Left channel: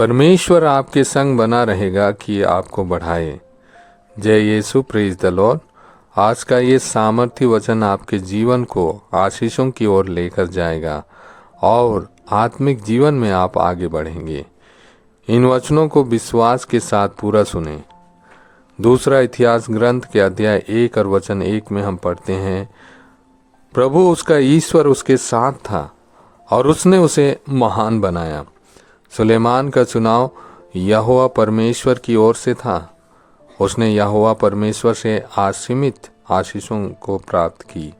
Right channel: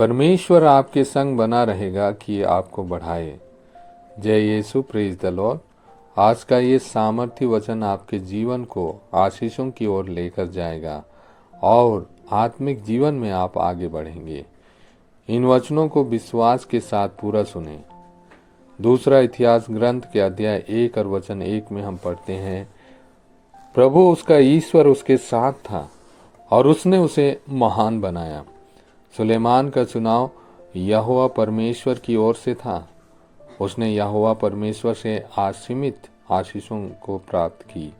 परमेश्वर आपके संग बना रहेगा कि आपको बढ़ाए। जय यीशु, प्रेज द लॉर्ड। आज का ये सामर्थ्य वचन आपके जीवन को आशीषों की ओर लेकर जाएगा और आत्मिक जीवन में आप आगे बढ़ेंगे। इन वचनों को विश्वास के साथ पूरा सुने। दूसरा इतिहास ग्रंथ के अध्याय 1 और वचन 1 में हम पढ़ते हैं, प्रभु उसका ईश्वर उसके साथ था और उसने उसे महान बनाया। सुलेमान का चुनाव यहोवा परमेश्वर की ओर से था। उसने यहोवा परमेश्वर से असीमित आशीषों को प्राप्त की।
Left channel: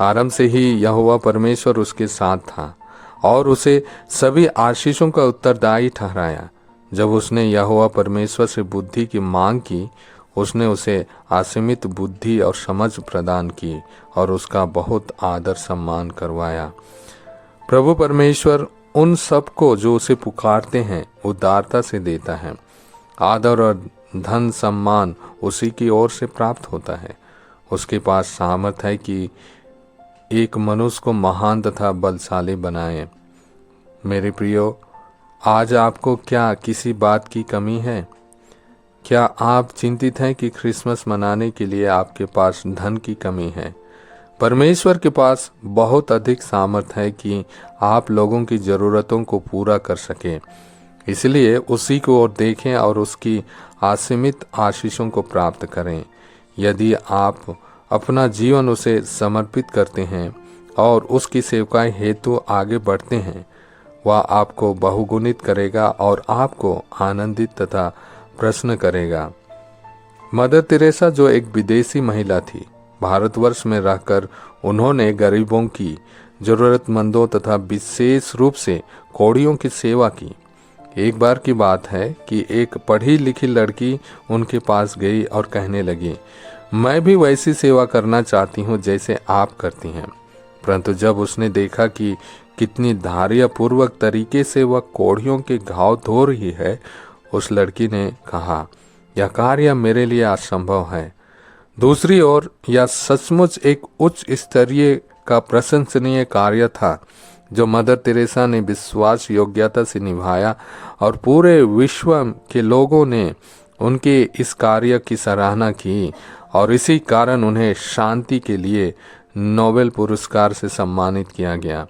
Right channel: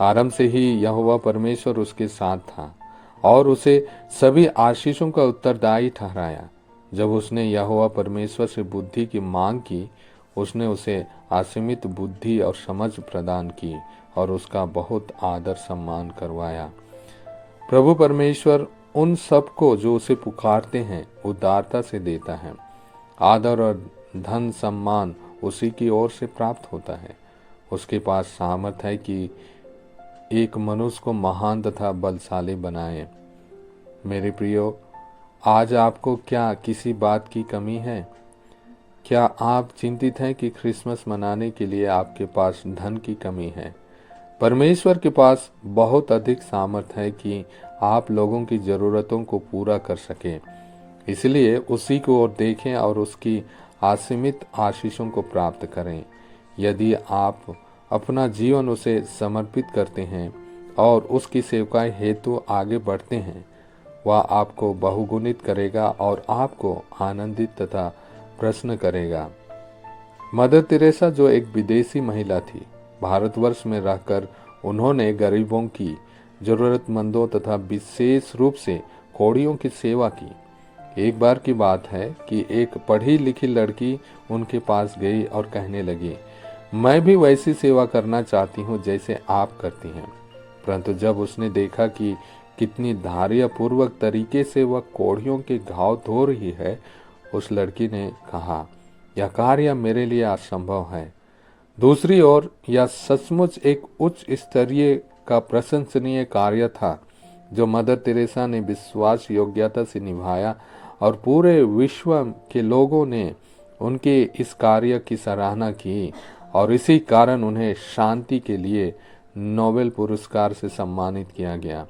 आरंभ से ही यहोवा परमेश्वर उसके साथ था और उसे सभी आशीषों का उत्तरदायी ठहराया। जब उसने यहोवा परमेश्वर से बुद्धि की मांग की, उसने उसे असीमित बुद्धि और समझ प्रदान की और उसका बहुत आदर सम्मान करवाया। प्रभु परमेश्वर उन सबको जो उसे पुकारते हैं उदारता से देता है। आदर और धन सम्मान उसी की ओर से प्राप्त होता है। उसके पास सामर्थ है कि एक मनुष्य को महान तथा बलशाली बनाए। मेरे प्रियो, आज आपको क्या किसी बात की कमी है? क्या आप चिंतित हैं कि क्रिसमस मनाने के लिए आपके पास धन की कमी है? परमेश्वर के पास बहुत अधिक सामर्थ है कि आप लोगों की ज़रूरतों को पूरा कर सकें। इसलिए उसी को ओर देखें और उसकी असीमित आशीषों को प्राप्त करें। यदि आप अपना जीवन उसे समर्पित करते हैं और उसकी सेवकाई हेतु आगे बढ़ते हैं, वह आपको बहुगुणित करेगा और आपको आनंदित तथा प्रसन्न करेगा। मदर तेरेसा जो एक विदेशी महिला थी, भारतवर्ष में रहकर उन्होंने गरीबों की, जरूरतमंदों तथा विशेष रूप से कोढ़ियों की सेवा की। एक बार की बात है कि एक पढ़ी लिखी लड़की उनके पास गई और कहने लगी, मैं भी वैसी सेवा करना चाहती हूँ जैसे आप करती हैं। परंतु जब उसने देखा कि कितनी धैर्यपूर्वक तरीके से वह कोढ़ियों के घाव धो रही है, उस लड़की ने कहा, यह कार्य मेरे लिए असंभव है। दूसरी ओर यह सचमुच एक उच्च स्तरीय का प्रशंसनीय कार्य था जो मदर तेरेसा ने विश्वास योग्यता से निभाया और पूरे विश्व के लोगों ने उनके इस कार्य की सराहना की और इसी कारण उन्हें शांति के लिए नोबेल पुरस्कार से सम्मानित किया गया।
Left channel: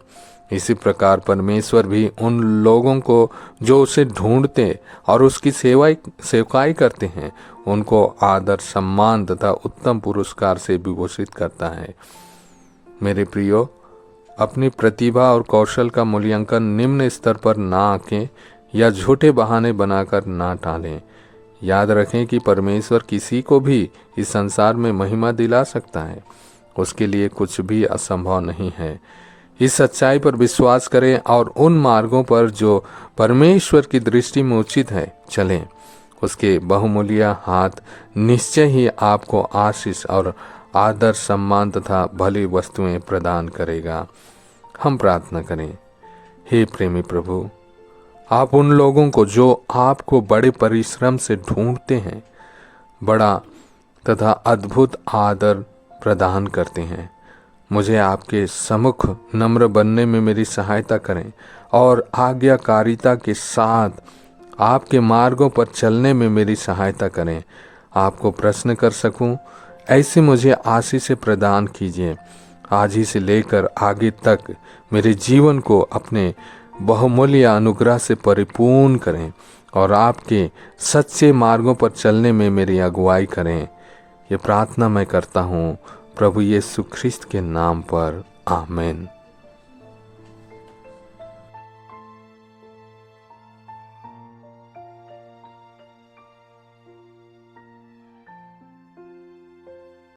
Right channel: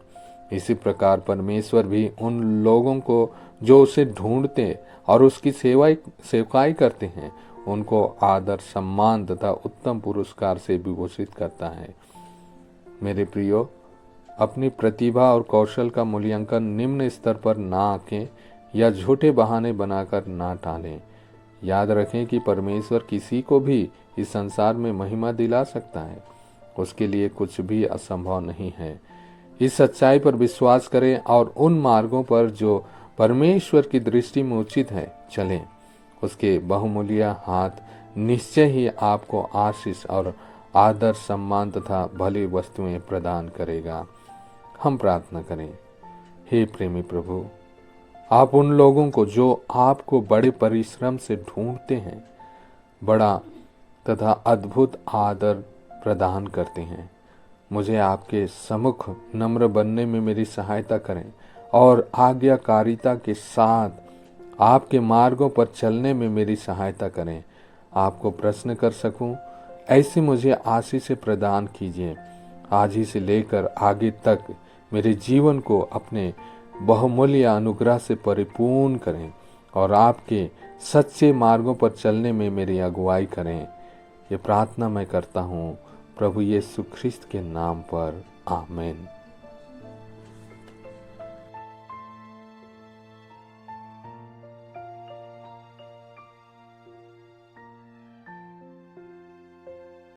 इसी प्रकार परमेश्वर भी उन लोगों को जो उसे ढूंढते और उसकी सेवकाई करते हैं, उनको आदर सम्मान तथा उत्तम पुरस्कार से विभूषित करता है। मेरे प्रियो, अपनी प्रतिभा और कौशल का मूल्यांकन निम्न स्तर पर ना आंकें या झूठे बहाने बनाकर ना टालें। याद रखें कि परमेश्वर किसी को भी इस संसार में महिमा दिला सकता है। उसके लिए कुछ भी असंभव नहीं है। इस सच्चाई पर विश्वास करें और उन मार्गों पर जो परमेश्वर की दृष्टि में उचित है चलें। उसके बहुमूल्य हाथ निश्चय ही आपको आशीष और आदर सम्मान तथा भली वस्तुएं प्रदान करेगा। हम प्रार्थना करें। हे प्रेमी प्रभु, आप उन लोगों को जो आपको बड़े परिश्रम से ढूंढते हैं, बड़ा तथा अद्भुत आदर प्रदान करते हैं। मुझे आपके सम्मुख नम्र बनने में मेरी सहायता करें और आज्ञाकारिता के साथ आपके मार्गों पर चलने में मेरी सहायता करें। आपको प्रश्न कर सकूं, ऐसे मुझे आशीष प्रदान कीजिए। आज ही से लेकर आगे तक मेरे जीवन को अपने बहुमूल्य अनुग्रह से परिपूर्ण करें और आपके सच्चे मार्गों पर चलने में मेरी अगुवाई करें। ये प्रार्थना मैं करता हूँ प्रभु यीशु ख्रिस्त के नाम पर, आमीन।